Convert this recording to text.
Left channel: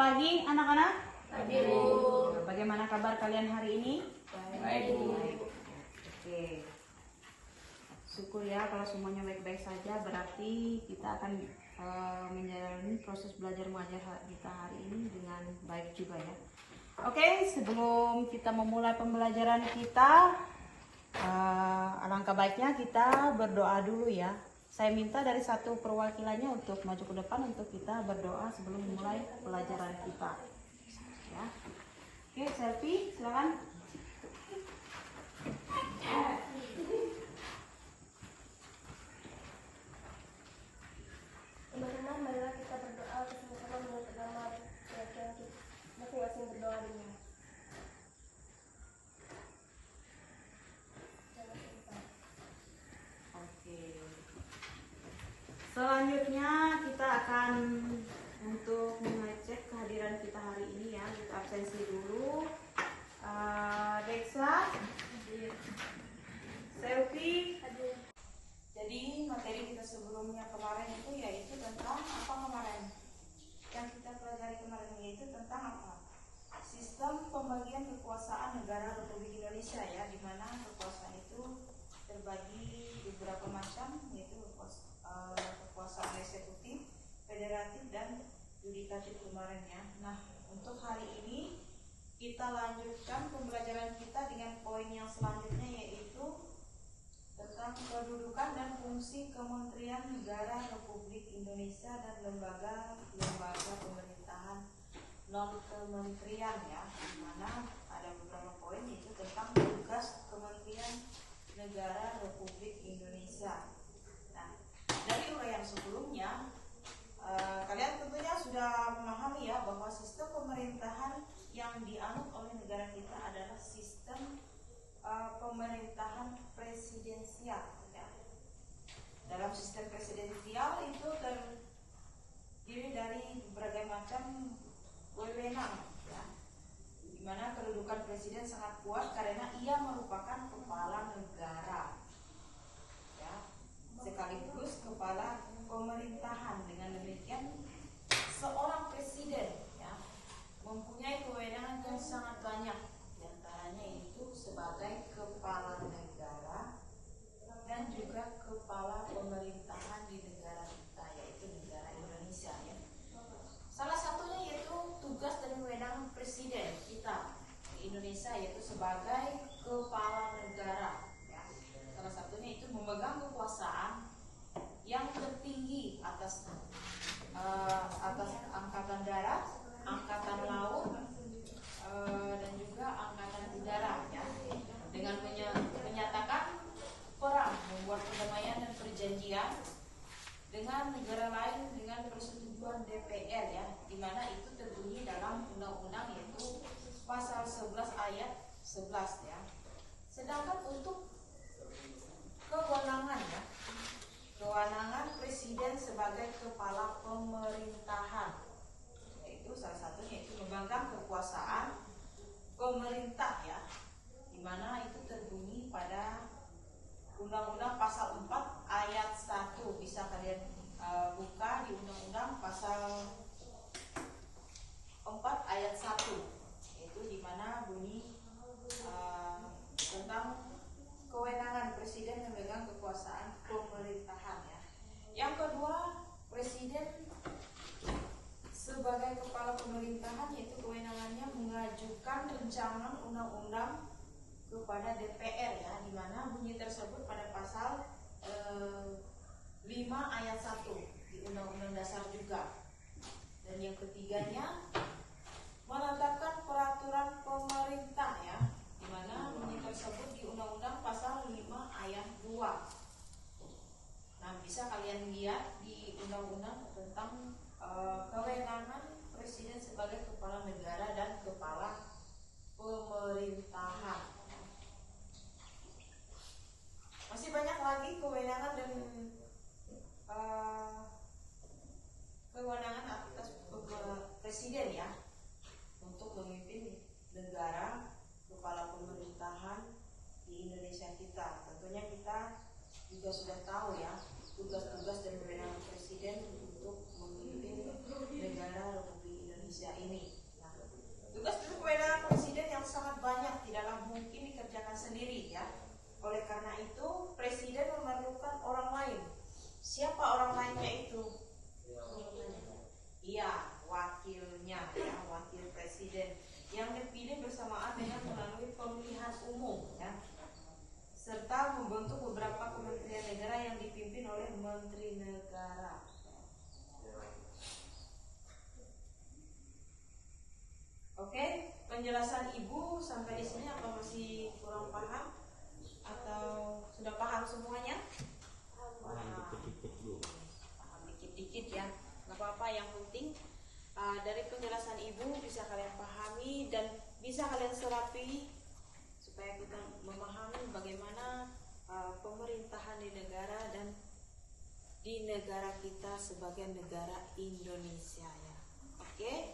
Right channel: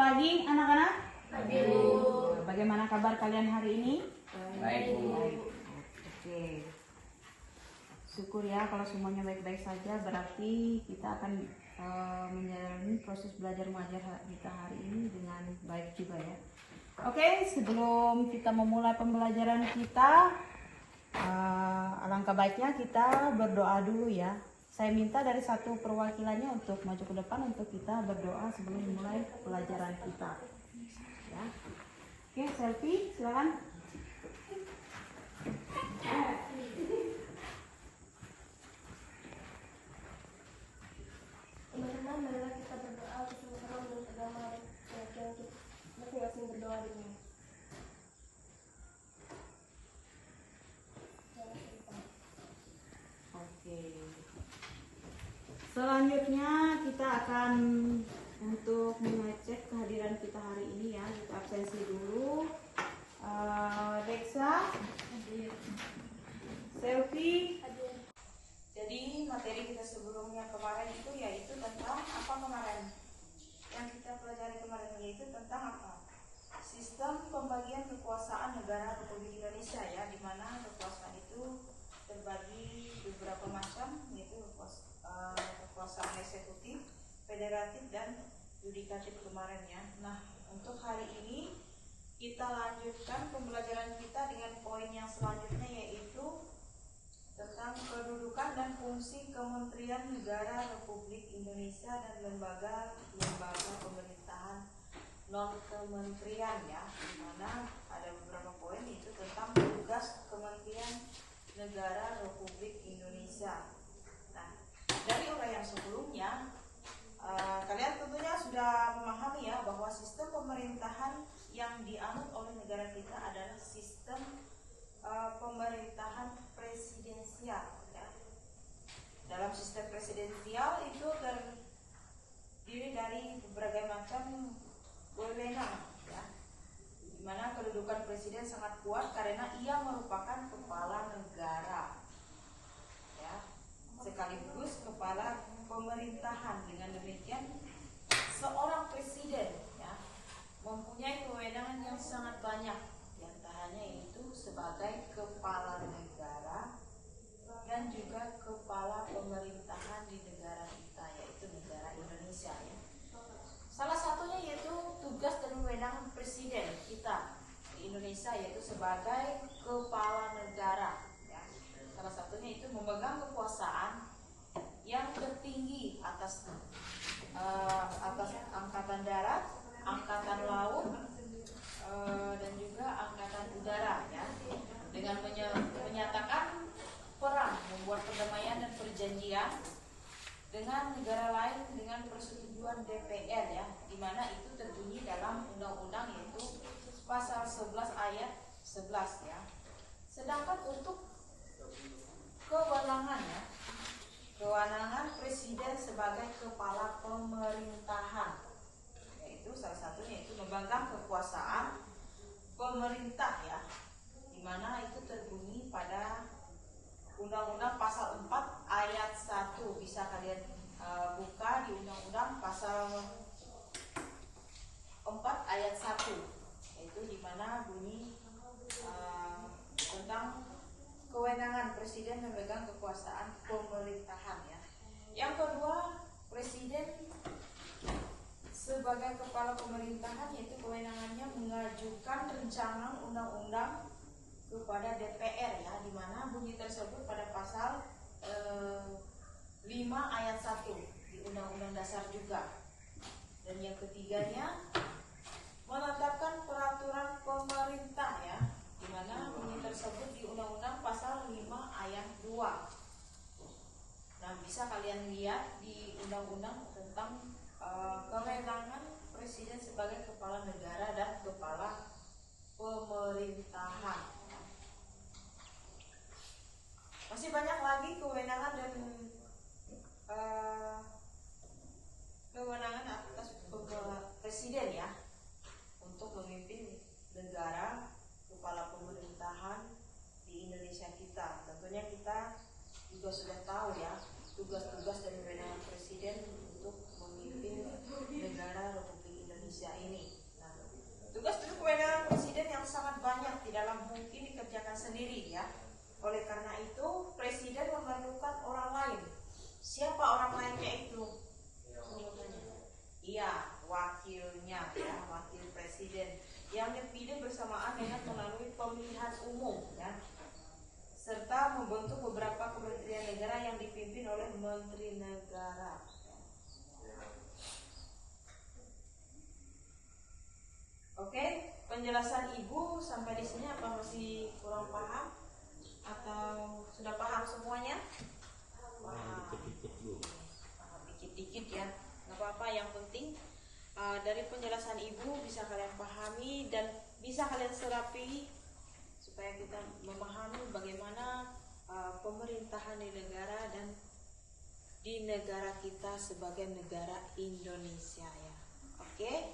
pagi anak-anak. Pagi, Bu. Bagaimana kabar kalian hari ini? Baik, Bu. Oke. Syukur ya kalau semuanya baik-baik saja. Berarti kita akan menjalani proses belajar mengajar kita hari ini dengan baik juga ya. Oke, sebelum kita memulai pembelajaran kita, alangkah baiknya kita berdoa dulu ya. Saya minta dari satu perwakilannya untuk maju ke depan untuk kita berdoa sebelum memulai pelajaran kita. Ya. Oke, selfie, silakan. Teman-teman, marilah kita berdoa bersama-sama menurut agama masing-masing berdoa dulu. Oke. Selanjutnya kita akan untuk mengecek kehadiran kita hari ini ya. Kita absensi dulu. Dexa, Selfie. Jadi materi kita sebelumnya kemarin itu yaitu tentang apa kemarin? Yang kita pelajari kemarin yaitu tentang apa? Sistem pembagian kekuasaan negara Republik Indonesia ya, di mana kekuasaan itu terbagi beberapa macam, yaitu kekuasaan eksekutif, federatif dan yudikatif kemarin ya. Nah, untuk hari ini kita lanjutkan pembelajaran kita dengan poin yang selanjutnya yaitu tentang kedudukan dan fungsi Kementerian Negara Republik Indonesia dan lembaga pemerintahan non kementerian ya, di mana ada beberapa poin itu tentang tugas Kementerian Negara Republik Indonesia. Nah, dari uraian sebelumnya kalian tentunya sudah memahami ya bahwa sistem pemerintahan yang dianut oleh negara kita adalah sistem pemerintahan presidensial ya. Dalam sistem presidensial itu terdiri dari berbagai macam wewenang ya, di mana kedudukan presiden sangat kuat karena ia merupakan kepala negara ya, sekaligus kepala pemerintahan. Dengan demikian seorang presiden ya mempunyai kewenangan yang sangat banyak, diantaranya itu sebagai kepala negara dan juga kepala pemerintahan di negara kita, yaitu negara Indonesia ya. Salah satunya yaitu tugas dan kewenangan presiden kita di Indonesia yaitu sebagai kepala negara ya. Salah satunya itu memegang kekuasaan yang tertinggi atas angkatan darat, angkatan laut, dan juga angkatan udara ya, dengan menyatakan perang, membuat perdamaian dan perjanjian dengan negara lain dengan persetujuan DPR ya, di mana itu terbunyi dalam undang-undang yaitu pasal 11 ayat 11 ya. Sedangkan untuk kewenangan ya, kewenangan presiden sebagai kepala pemerintahan, yaitu salah satunya itu memegang kekuasaan pemerintah ya, di mana itu terbunyi pada Undang-Undang pasal 4 ayat 1. Bisa kalian buka di Undang-Undang pasal 4 ayat 1, yaitu di mana bunyi tentang kewenangan presiden memegang kekuasaan pemerintahan ya. Yang kedua, presiden sebagai kepala pemerintahan yaitu kewenangannya mengajukan rancangan undang-undang kepada DPR ya, di mana bunyi tersebut pada pasal 5 ayat 1 di Undang-Undang Dasar juga. Dan yang ketiganya menetapkan peraturan pemerintah ya, di mana bunyi tersebut di Undang-Undang pasal 5 ayat 2. Nah, bisa kalian lihat di Undang-Undang tentang kewenangan presiden sebagai kepala negara dan kepala pemerintahan. Masih banyak lagi kewenangan dan kewenangan atas presiden ya untuk memimpin negara, kepala pemerintahan di Indonesia kita. Tentunya kita juga sudah tahu ya tugas-tugas dan kewenangan presiden untuk memimpin negara Republik Indonesia ini. tidaklah mungkin dikerjakan sendiri ya. Oleh karena itu presiden memerlukan orang lain. Siapa orang lainnya itu? Iya, wakilnya ya, wakil presiden yang dipilih bersamaan dengan melalui pemilihan umum ya, serta membentuk beberapa kementerian negara yang dipimpin oleh menteri negara. Oke, penjelasan Ibu sampai di sini apa masih kurang paham atau sudah paham semuanya? Paham dikit-dikit ya, nggak apa-apa. Yang penting dari penjelasan Ibu bisa kalian pahami dan bisa kalian serapi supaya kita memahami bagaimana pemerintahan di negara dan di negara kita sebagai negara Indonesia ya. Oke.